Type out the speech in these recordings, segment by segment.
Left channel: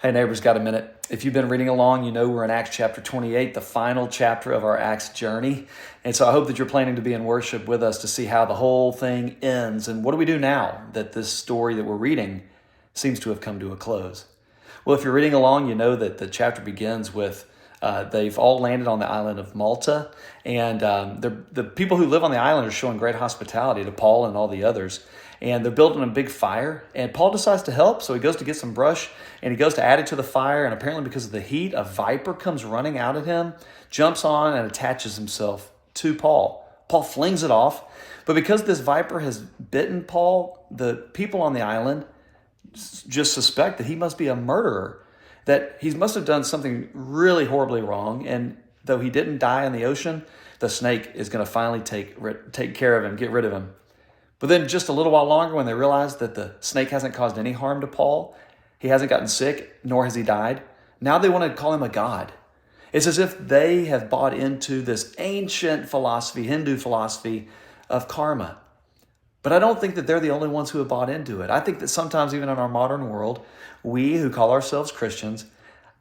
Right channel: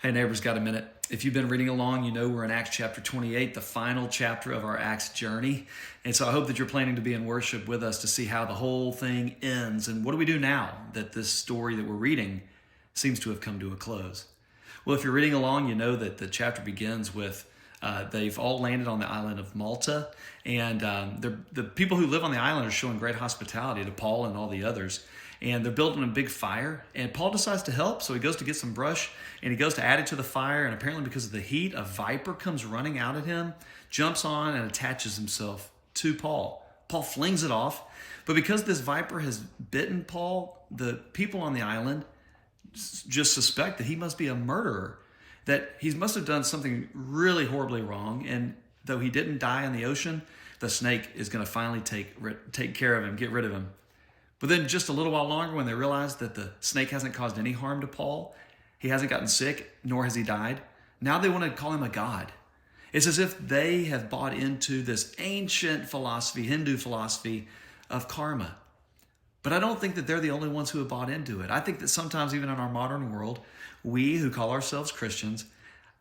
Hey neighbors, got a minute? If you've been reading along, you know we're in Acts chapter 28, the final chapter of our Acts journey. And so I hope that you're planning to be in worship with us to see how the whole thing ends. And what do we do now that this story that we're reading seems to have come to a close? Well, if you're reading along, you know that the chapter begins with they've all landed on the island of Malta. And the people who live on the island are showing great hospitality to Paul and all the others. And they're building a big fire. And Paul decides to help, so he goes to get some brush. And he goes to add it to the fire, and apparently because of the heat, a viper comes running out at him, jumps on and attaches himself to Paul. Paul flings it off, but because this viper has bitten Paul, the people on the island just suspect that he must be a murderer, that he must have done something really horribly wrong, and though he didn't die in the ocean, the snake is going to finally take care of him, get rid of him. But then just a little while longer, when they realize that the snake hasn't caused any harm to Paul, he hasn't gotten sick, nor has he died. Now they want to call him a god. It's as if they have bought into this ancient philosophy, Hindu philosophy of karma. But I don't think that they're the only ones who have bought into it. I think that sometimes even in our modern world, we who call ourselves Christians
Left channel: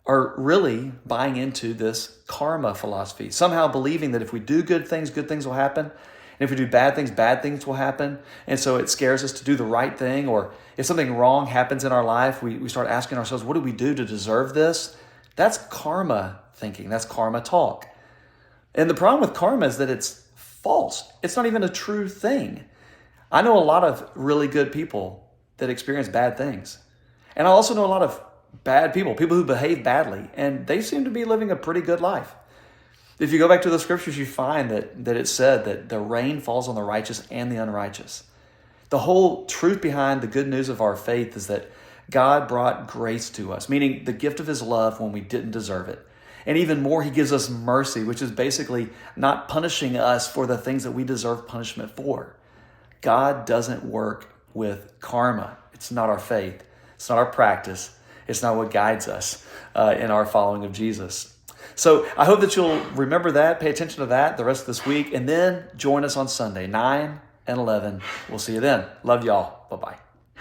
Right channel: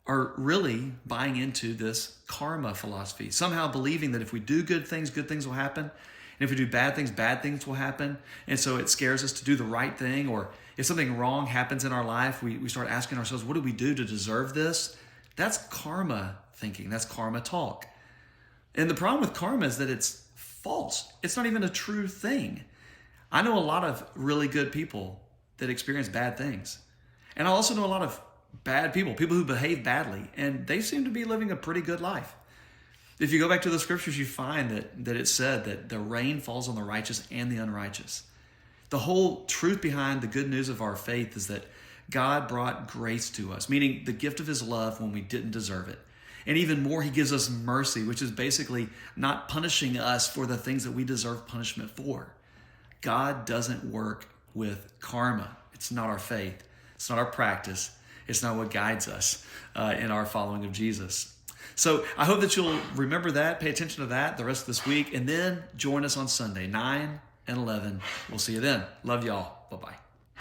are really buying into this karma philosophy, somehow believing that if we do good things will happen. And if we do bad things will happen. And so it scares us to do the right thing. Or if something wrong happens in our life, we start asking ourselves, what do we do to deserve this? That's karma thinking. That's karma talk. And the problem with karma is that it's false. It's not even a true thing. I know a lot of really good people that experience bad things. And I also know a lot of bad people who behave badly. And they seem to be living a pretty good life. If you go back to the scriptures, you find that it said that the rain falls on the righteous and the unrighteous. The whole truth behind the good news of our faith is that God brought grace to us, meaning the gift of his love when we didn't deserve it. And even more, he gives us mercy, which is basically not punishing us for the things that we deserve punishment for. God doesn't work with karma. It's not our faith. It's not our practice. It's not what guides us in our following of Jesus. So I hope that you'll remember that, pay attention to that the rest of this week, and then join us on Sunday, 9 and 11. We'll see you then. Love y'all. Bye-bye.